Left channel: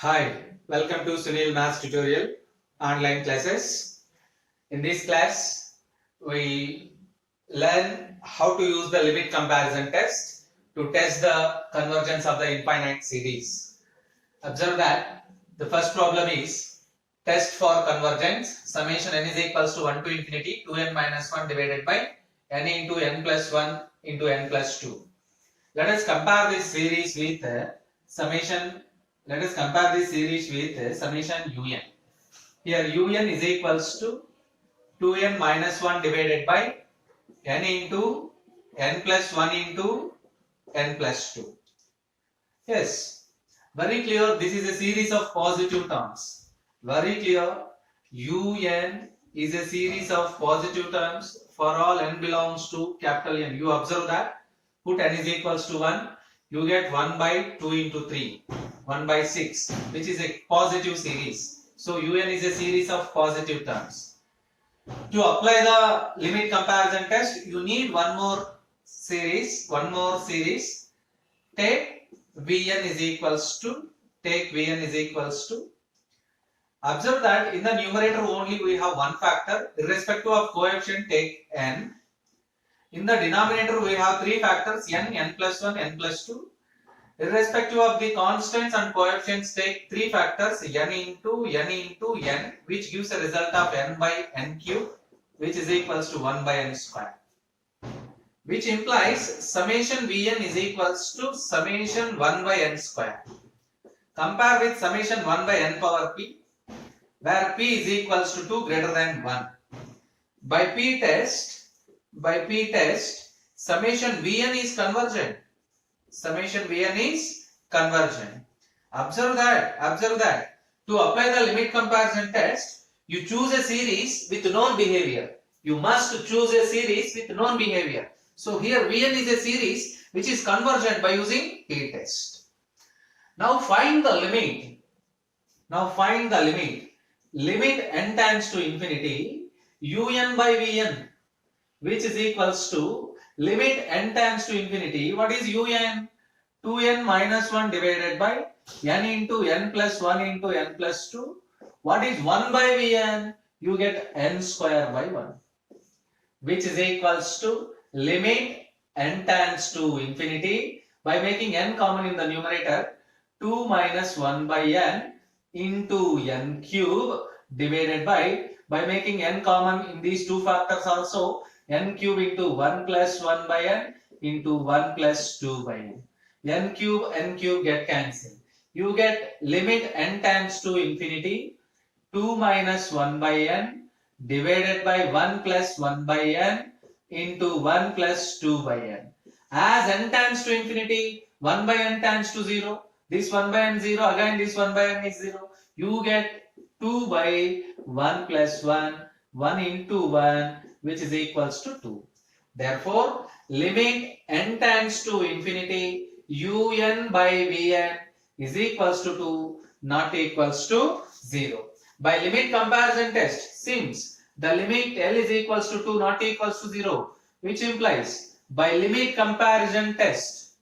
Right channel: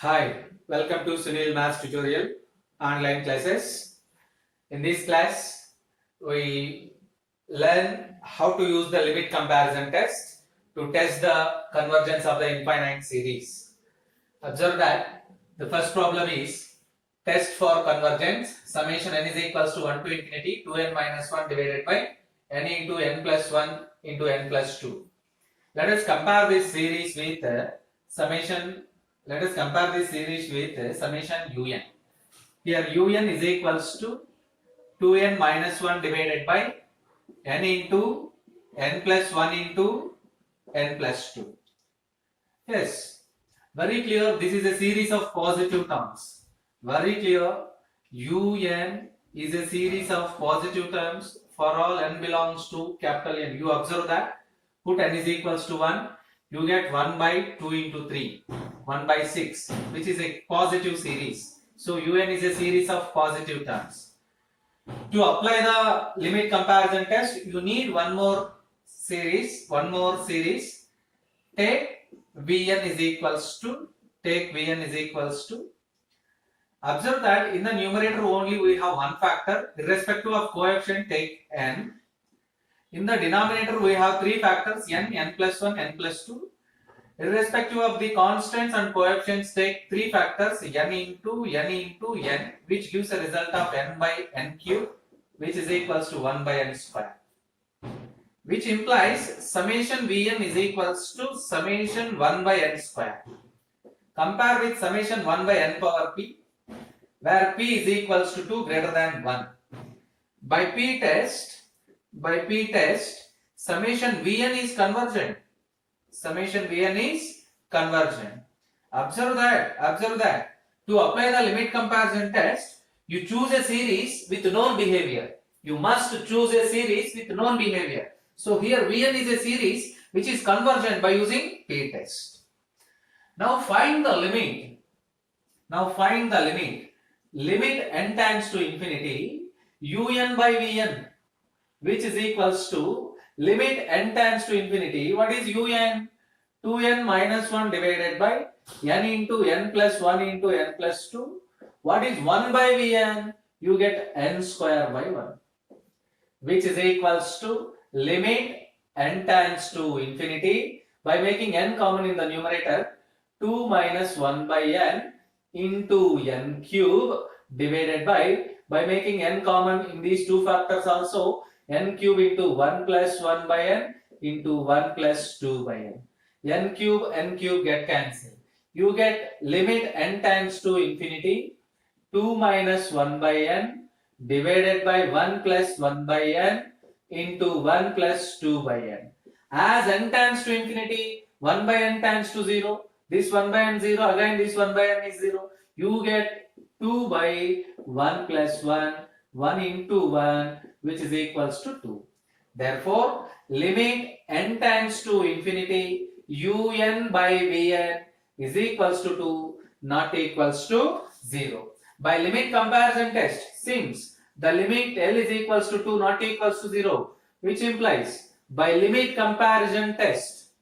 Hi, welcome to Sunil Maths Tutorial online classes. In this class, we learn how to use the limit comparison test to test the convergence of the infinite series. Observe that the first problem is test for convergence. Summation n is equals to 1 to infinity 2n minus 1 divided by n into n plus 1 into n plus 2. Let us compare this series with summation. Let us compare this series with summation un. Here un is equals to 2n minus 1 divided by n into n plus 1 into n plus 2. Yes, very clear. This is a series of positive terms. Very clear. Un is a series of positive terms for all n belongs to capital N. You observe that. Put n is equals to 1. You get 1 by 2 into 3. 1 by 6, which is a positive series. So un is a series of positive terms. To apply the limit comparison test, you need one more series. Take Vn is equals to. Observe that in the numerator only we have one factor. Irrespective of coefficient, take n. In the denominator we have three factors: n, n plus 1, n plus 2. Irrespective of the constants and coefficients, take three factors: n into n, which gives a result of n by n cube, which is equals to 1 by n square. Which implies summation Vn is equals to summation 1 by n square. Compare with summation 1 by n power p, where p is equals to 2 greater than 1. By p test, summation Vn is convergent. Observe that. To apply the limit comparison test, you choose a series with known behavior. You must choose a series with known behavior. So here Vn is a series which is convergent by using p test. Now find the limit. Limit n tends to infinity un by Vn, which is equals to limit n tends to infinity. What is un? 2n minus 1 divided by n into n plus 1 into n plus 2. What is 1 by Vn? You get n square by 1, which is equals to limit n tends to infinity by making n common in the numerator. 2 minus 1 by n into n cube divided by making n common in these two factors also, n cube into 1 plus 1 by n into 1 plus 2 by n. N cube get cancelled. You get limit n tends to infinity 2 minus 1 by n divided by 1 plus 1 by n into 1 plus 2 by n. As n tends to infinity, 1 by n tends to 0. This 1 by n 0, again this 1 by n is 0. You get 2 by 1 plus 1, 1 into 1, which is equals to 2. Therefore, limit n tends to infinity un by Vn is equals to 2, not equals to 0. By limit comparison test, since the limit L is equals to 2, not equals to 0, which implies by limit comparison test,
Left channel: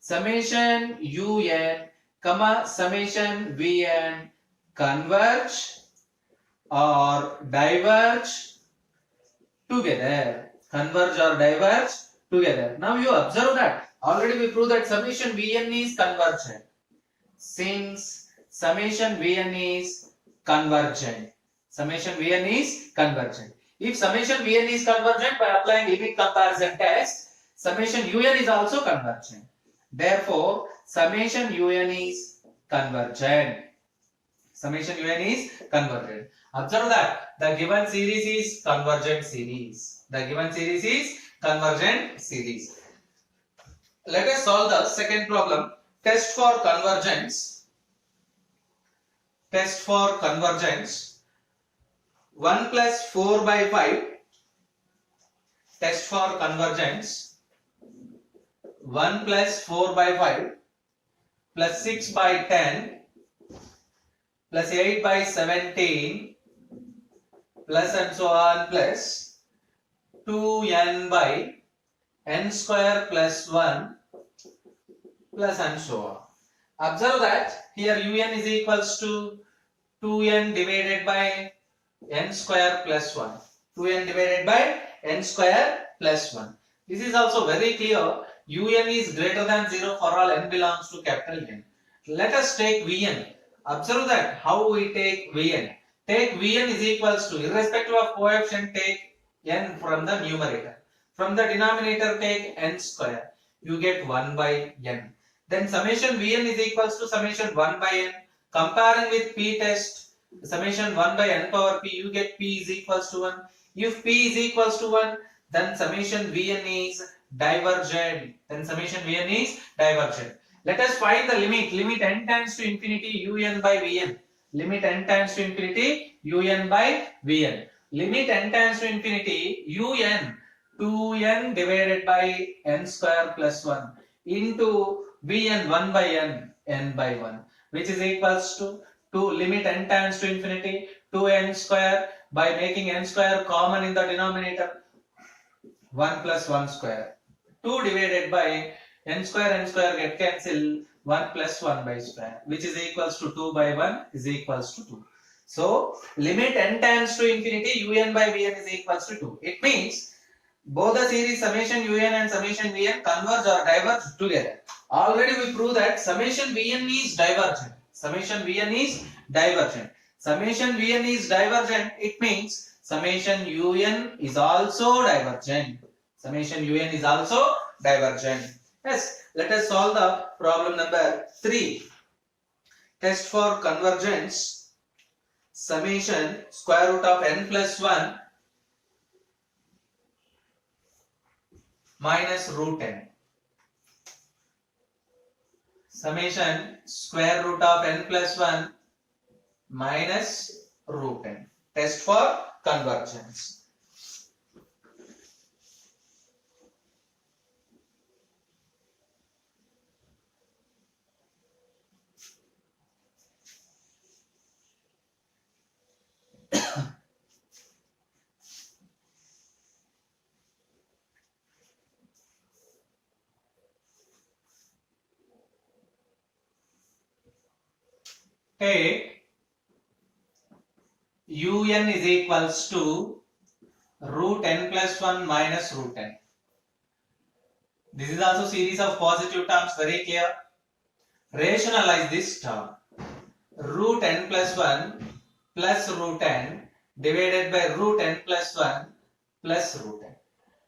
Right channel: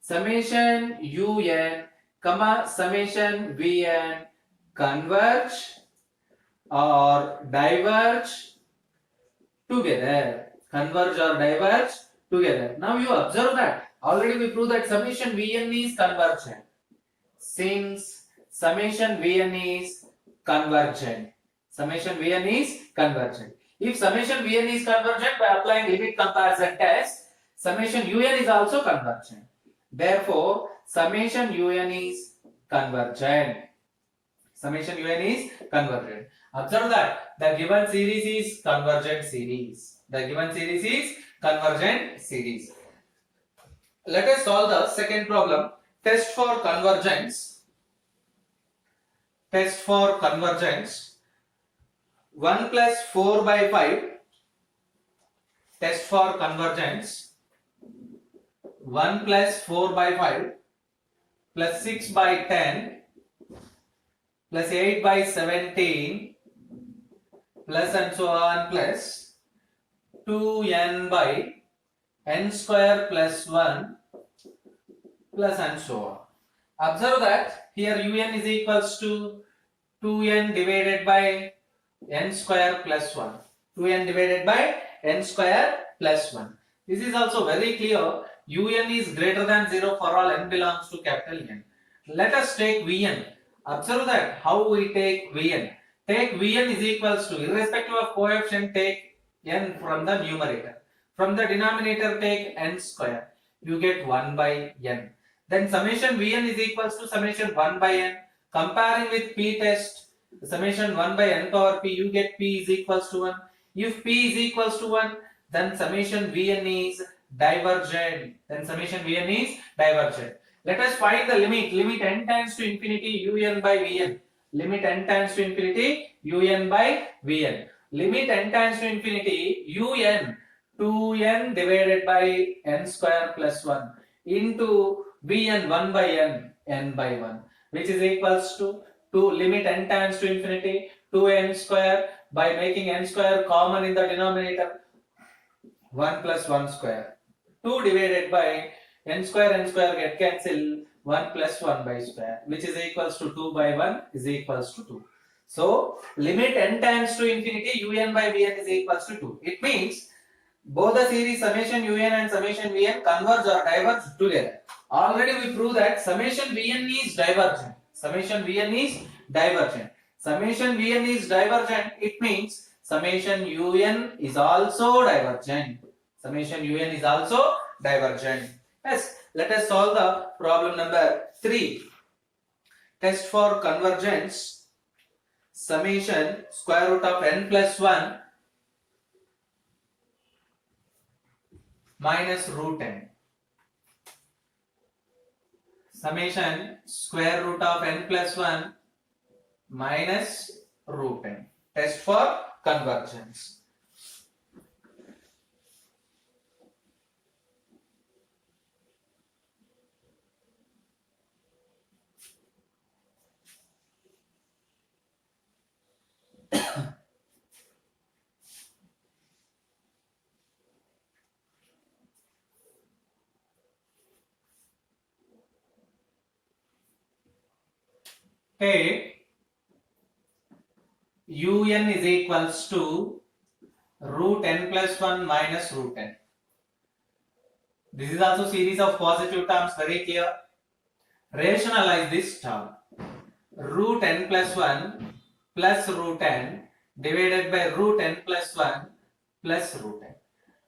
summation un comma summation Vn converge or diverge together. Now you observe that already we proved that summation Vn is convergent. Since summation Vn is convergent. If summation Vn is convergent, by applying limit comparison test, summation un is also convergent. Therefore, summation un is convergent. Observe that the given series is convergent series. Let us solve the second problem. Test for convergence. 1 plus 4 by 5. Test for convergence. 1 plus 4 by 5 plus 6 by 10 plus 8 by 17 plus and so on plus 2n by n square plus 1 plus and so on. Observe that here un is equals to 2n divided by n square plus 1. 2n divided by n square plus 1. This is also very clear. Un is greater than 0 for all n belongs to capital N. Let us take Vn. Observe that how we take Vn. Take Vn is equals to, irrespective of coefficient, take n from the numerator. From the denominator take n square. You get 1 by n. Then summation Vn is equals to summation 1 by n. Comparing with p test, summation 1 by n power p, you get p is equals to 1. If p is equals to 1, then summation Vn is divergent. Then summation Vn is divergent. Let us find the limit. Limit n tends to infinity un by Vn. Limit n tends to infinity un by Vn. Limit n tends to infinity un 2n divided by n square plus 1 into Vn 1 by n by 1, which is equals to limit n tends to infinity 2n square by making n square common in the denominator, 1 plus 1 square, 2 divided by n square get cancel, 1 plus 1 by square, which is equals to 2 by 1 is equals to 2. So limit n tends to infinity un by Vn is equals to 2. It means both the series summation un and summation Vn converge or diverge together. Already we proved that summation Vn is divergent. Summation Vn is divergent. Summation Vn is divergent. It means summation un is also divergent. Summation un is also divergent. Yes, let us solve the problem number 3. Test for convergence. Summation square root of n plus 1 minus root n. Summation square root of n plus 1 minus root n. Test for convergence. Take un is equals to root n plus 1 minus root n. This is also series of positive terms, very clear. Rationalize this term. Root n plus 1 plus root n divided by root n plus 1 plus root n,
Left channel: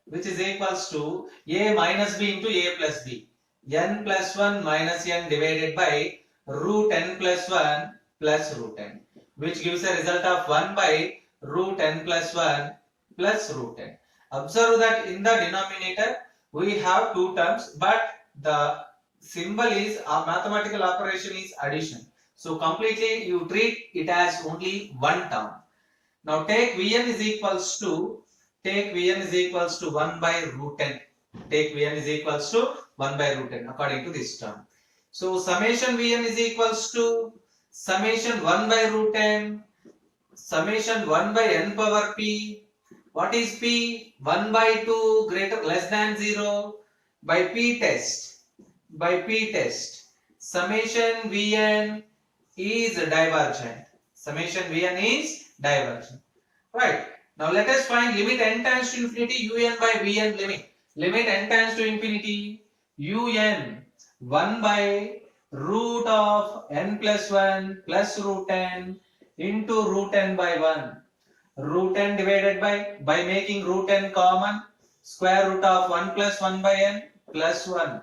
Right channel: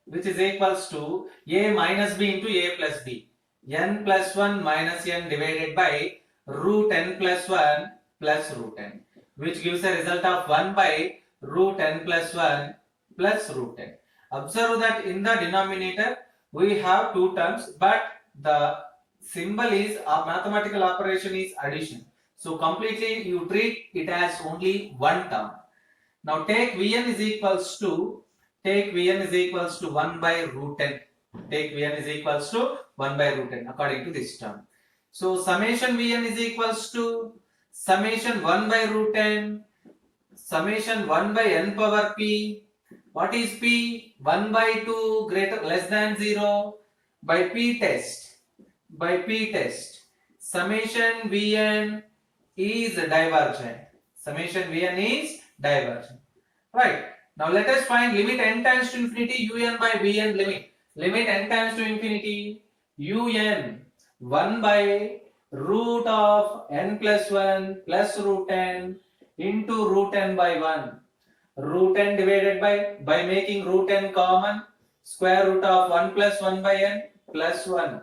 which is equals to a minus b into a plus b. N plus 1 minus n divided by root n plus 1 plus root n, which gives a result of 1 by root n plus 1 plus root n. Observe that in the denominator we have two terms, but the symbol is a mathematical operation is addition. So completely you treat it as only one term. Now take Vn is equals to 1 by root n. Take Vn is equals to 1 by root n according to this term. So summation Vn is equals to summation 1 by root n, summation 1 by n power p. What is p? 1 by 2 greater less than 0 by p test. By p test. Summation Vn is divergent. Summation Vn is divergent. Right. Now let us find limit n tends to infinity un by Vn limit. Limit n tends to infinity un 1 by root of n plus 1 plus root n into root n by 1. Root n divided by making root n common, square root of 1 plus 1 by n plus 1,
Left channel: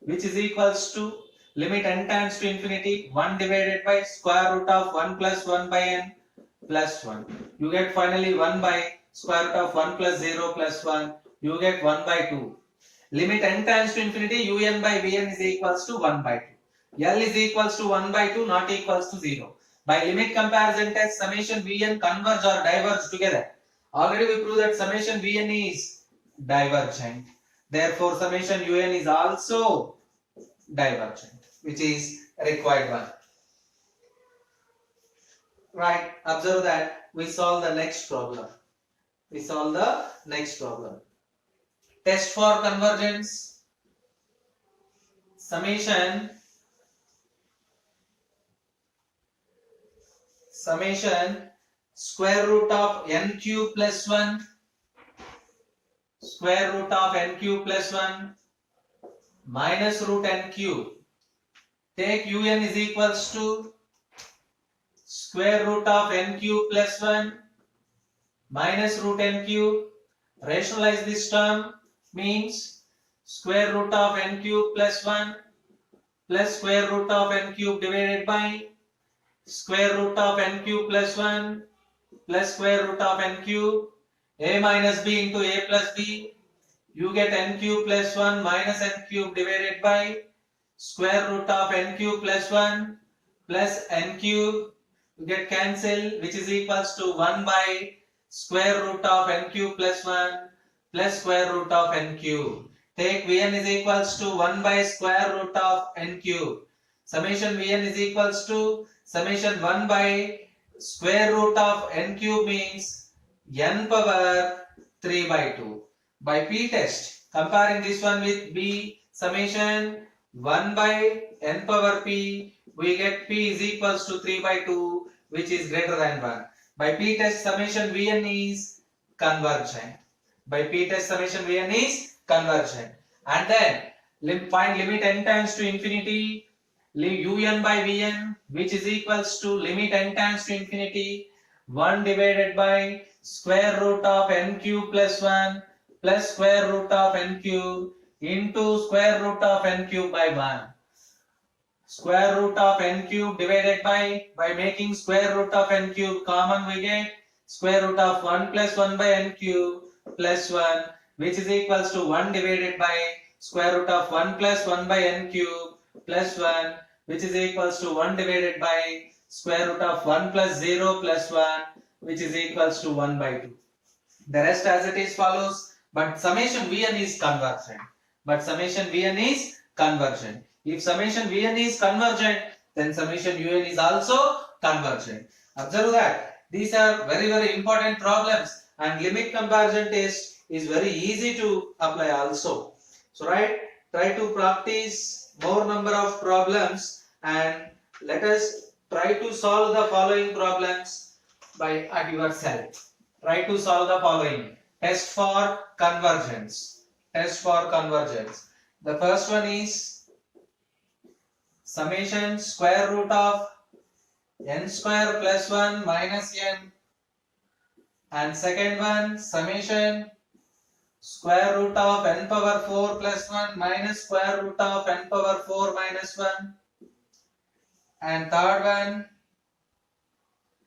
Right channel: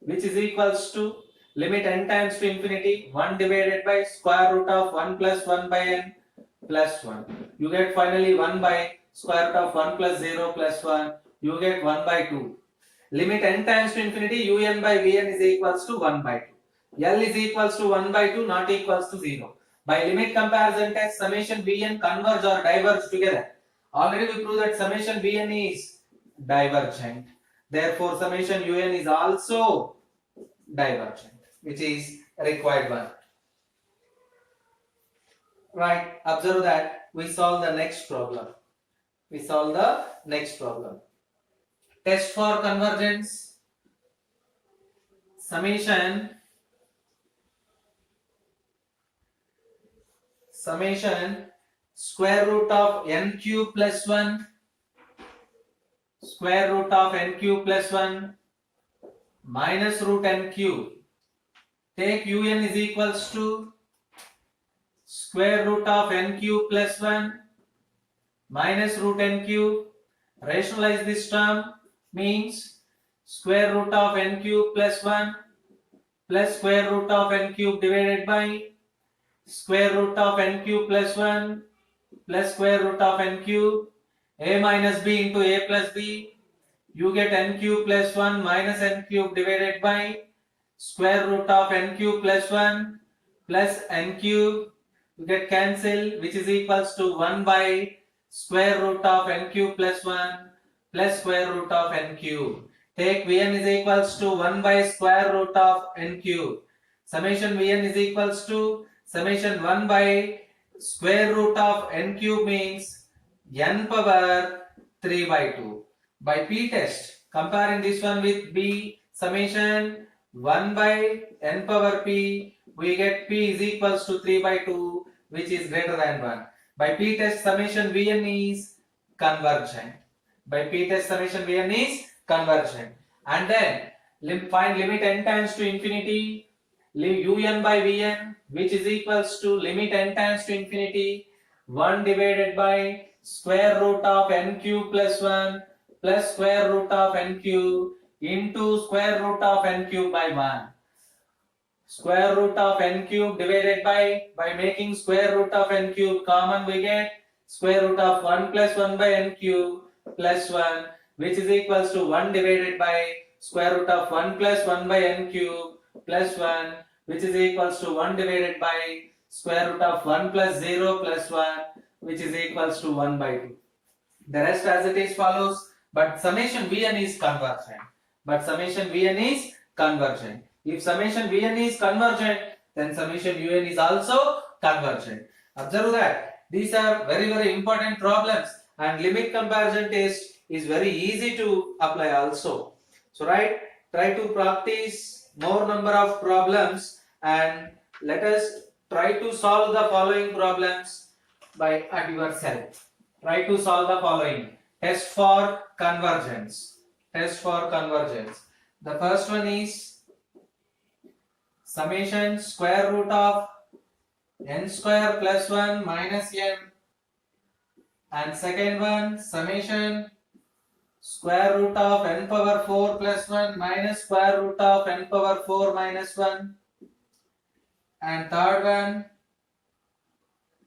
which is equals to limit n tends to infinity 1 divided by square root of 1 plus 1 by n plus 1. You get finally 1 by square root of 1 plus 0 plus 1. You get 1 by 2. Limit n tends to infinity un by Vn is equals to 1 by 2. L is equals to 1 by 2, not equals to 0. By limit comparison test, summation Vn converge or diverge together. Already we proved that summation Vn is divergent. Therefore, summation un is also divergent, which is required one. Right, observe that we solve the next problem. test for convergence. Summation square root of n cube plus 1 square root of n cube plus 1 minus root n cube. Take un is equals to square root of n cube plus 1 minus root n cube. Rationalize this term, means square root of n cube plus 1 plus square root of n cube divided by square root of n cube plus 1 plus square root of n cube. A minus b into a plus b. You get n cube plus 1 minus n cube divided by square root of n cube plus 1 plus n cube. You get cancel, which is equals to 1 by square root of n cube plus 1 plus square root of n cube. Take Vn is equals to 1 by square root of n cube. Summation Vn is equals to summation 1 by square root of n cube means n power 3 by 2. By p test, comparing this one with b, summation 1 by n power p, we get p is equals to 3 by 2, which is greater than 1. By p test, summation Vn is convergent. By p test, summation Vn is convergent. And then find limit n tends to infinity, un by Vn, which is equals to limit n tends to infinity 1 divided by square root of n cube plus 1 plus square root of n cube into square root of n cube by 1. Square root of n cube divided by making square root of n cube common, we get square root of 1 plus 1 by n cube plus 1, which is equals to 1 divided by square root of 1 plus 1 by n cube plus 1, which is equals to 1 divided by square root of 1 plus 0 plus 1, which is equals to 1 by 2. The rest as it is follows, but summation Vn is convergent. If summation Vn is convergent, then summation Un is also convergent. Observe that these are very, very important problems, and limit comparison test is very easy to apply also. So try to practice more number of problems, and let us try to solve the following problems by yourself. Try to solve the following. Test for convergence. The first one is summation square root of n square plus 1 minus n, and second one summation square root of n power 4 plus 1 minus square root of n power 4 minus 1, and third one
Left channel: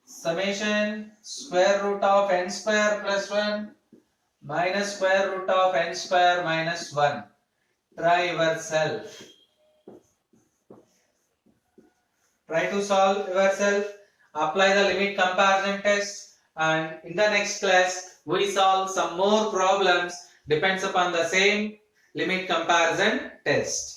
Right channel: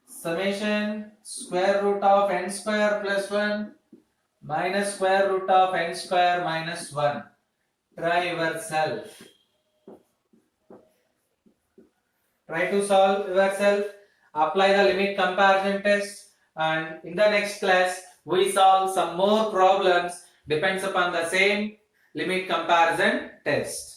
summation square root of n square plus 1 minus square root of n square minus 1. Try yourself. Try to solve yourself. Apply the limit comparison test, and in the next class we solve some more problems depends upon the same limit comparison test.